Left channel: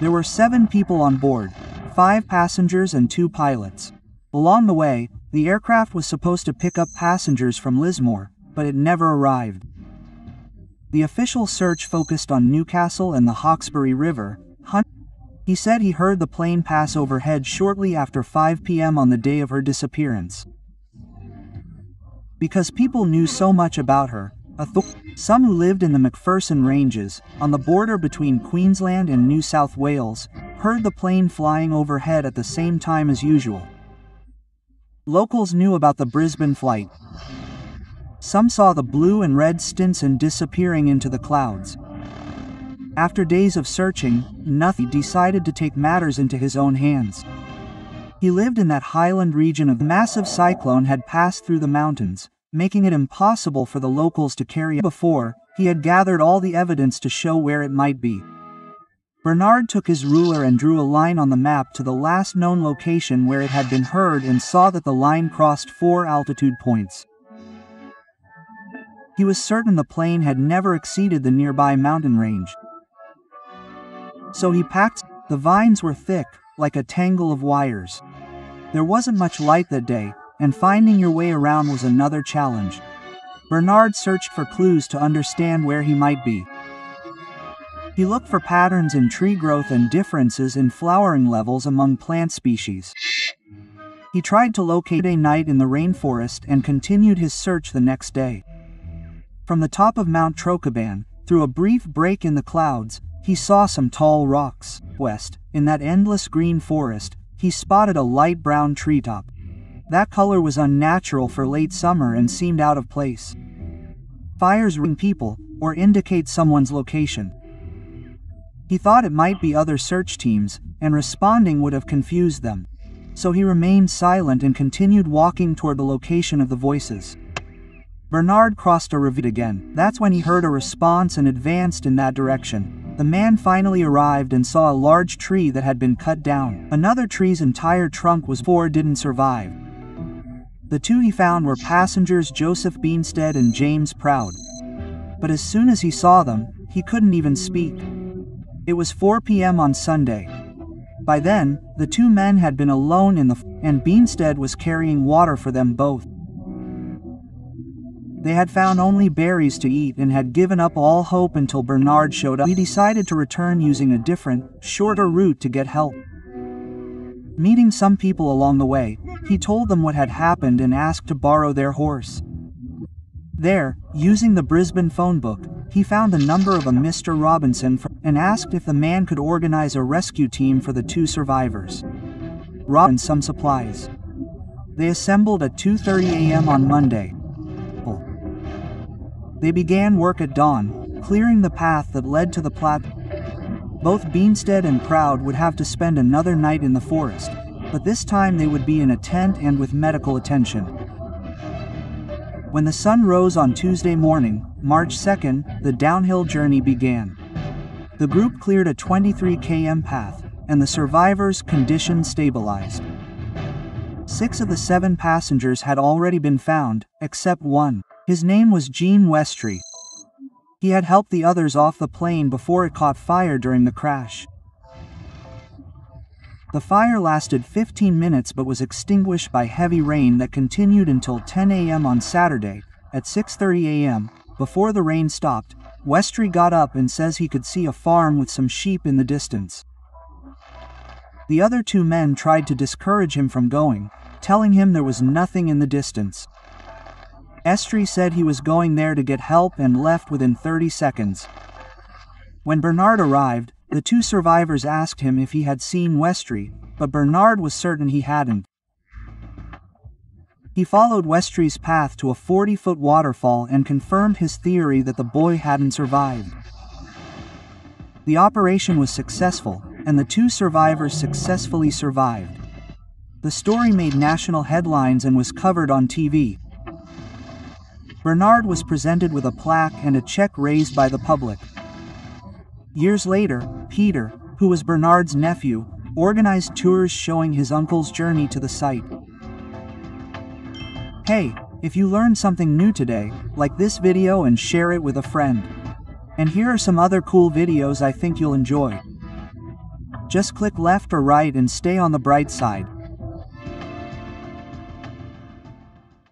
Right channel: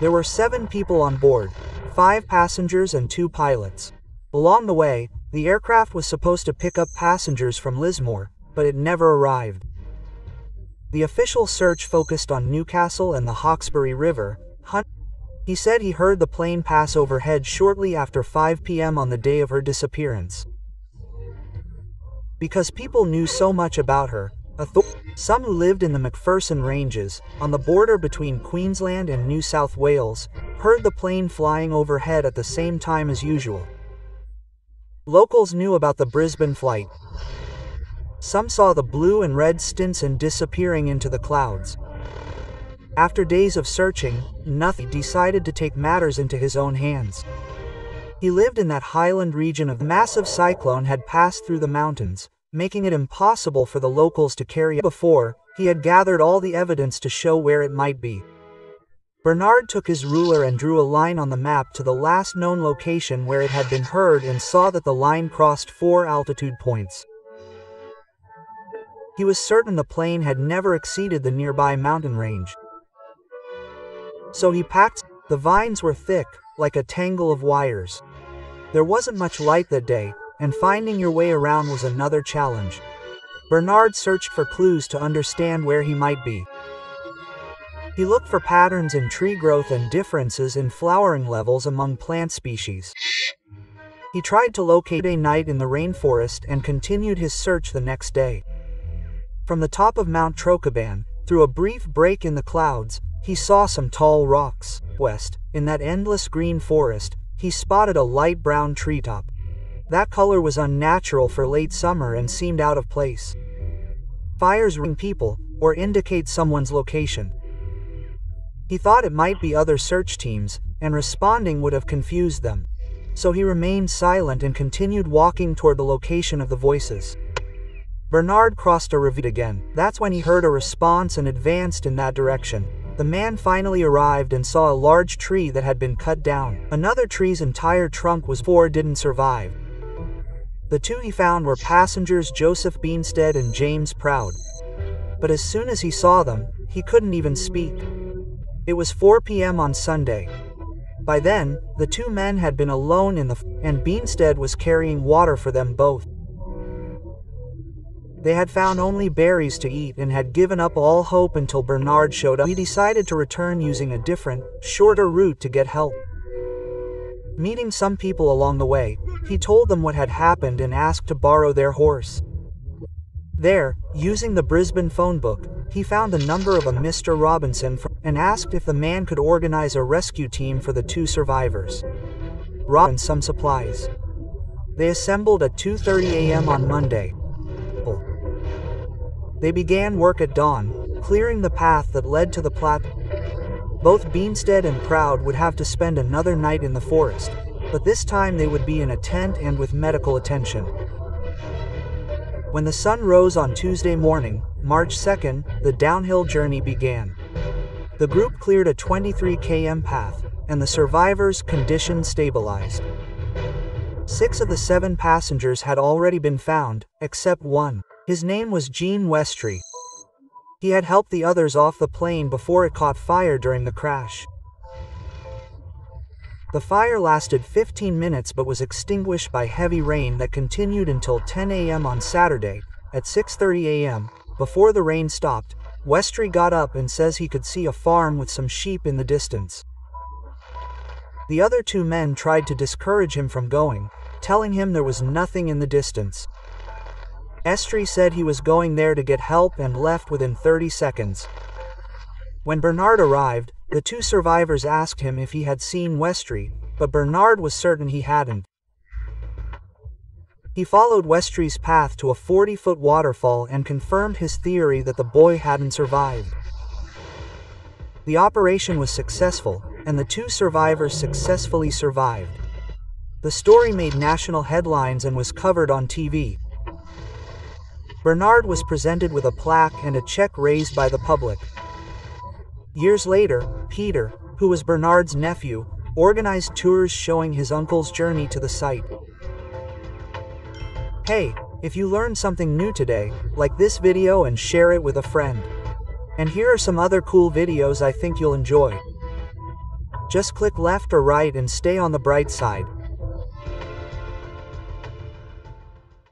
There were 7 people on board, 5 passengers and 2 pilots. Along the way, the aircraft was supposed to pick up passengers from Lismore, but it never arrived. The official search focused on Newcastle and the Hawkesbury River. He said he heard the plane pass overhead shortly after 5 p.m. on the day of her disappearance. Because people knew so much about her, some who lived in the Macpherson Ranges, on the border between Queensland and New South Wales, heard the plane flying overhead at the same time as usual. Locals knew about the Brisbane flight. Some saw the blue and red Stinson disappearing into the clouds. After days of searching, nothing decided to take matters into his own hands. He lived in that highland region of massive cyclone had passed through the mountains, making it impossible for the locals to carry out. Before, he had gathered all the evidence to show where it might be. Bernard took his ruler and drew a line on the map to the last known location where it had been heard and saw that the line crossed 4 altitude points. He was certain the plane had never exceeded the nearby mountain range. So he packed. The vines were thick, like a tangle of wires. There wasn't much light that day, and finding your way around was another challenge. Bernard searched for clues to understand where he might be. He looked for patterns in tree growth and differences in flowering levels among plant species. He tried to locate a night in the rainforest and continued his search the next day. From the top of Mount Trocaban, through a brief break in the clouds, he saw some tall rocks. West, in that endless green forest, he spotted a light brown treetop. That color was unnatural for late summer and seemed out of place. Fires ring people, or indicate someone's location. He thought it might be other search teams, and responding would have confused them. So he remained silent and continued walking toward the location of the voices. Bernard crossed a ravine again. That's when he heard a response and advanced in that direction. The man finally arrived and saw a large tree that had been cut down. Another tree's entire trunk was didn't survive. The 2 he found were passengers Joseph Beanstead and James Proud. But as soon as he saw them, he couldn't even speak. It was 4 p.m. on Sunday. By then, the 2 men had been alone and Beanstead was carrying water for them both. They had found only berries to eat and had given up all hope until Bernard showed up. He decided to return using a different, shorter route to get help. Meeting some people along the way, he told them what had happened and asked to borrow their horse. There, using the Brisbane phone book, he found the number of a Mr. Robinson and asked if the man could organize a rescue team for the 2 survivors. Rob and some supplies. They assembled at 2:30 a.m. on Monday. They began work at dawn, clearing the path that led to the platform. Both Beanstead and Proud would have to spend another night in the forest, but this time they would be in a tent and with medical attention. When the sun rose on Tuesday morning, March 2nd, the downhill journey began. The group cleared a 23 km path, and the survivors' condition stabilized. 6 of the 7 passengers had already been found, except one. His name was Gene Westry. He had helped the others off the plane before it caught fire during the crash. The fire lasted 15 minutes but was extinguished by heavy rain that continued until 10 a.m. on Saturday. At 6:30 a.m., before the rain stopped, Westry got up and says he could see a farm with some sheep in the distance. The other 2 men tried to discourage him from going, telling him there was nothing in the distance. Westry said he was going there to get help and left within 30 seconds. When Bernard arrived, the 2 survivors asked him if he had seen Westry, but Bernard was certain he hadn't. He followed Westry's path to a 40-foot waterfall and confirmed his theory that the boy hadn't survived. The operation was successful, and the 2 survivors successfully survived. The story made national headlines and was covered on TV. Bernard was presented with a plaque and a check raised by the public. Years later, Peter, who was Bernard's nephew, organized tours showing his uncle's journey to the site. Hey, if you learned something new today, like this video and share it with a friend. And here are some other cool videos I think you'll enjoy. Just click left or right and stay on the bright side.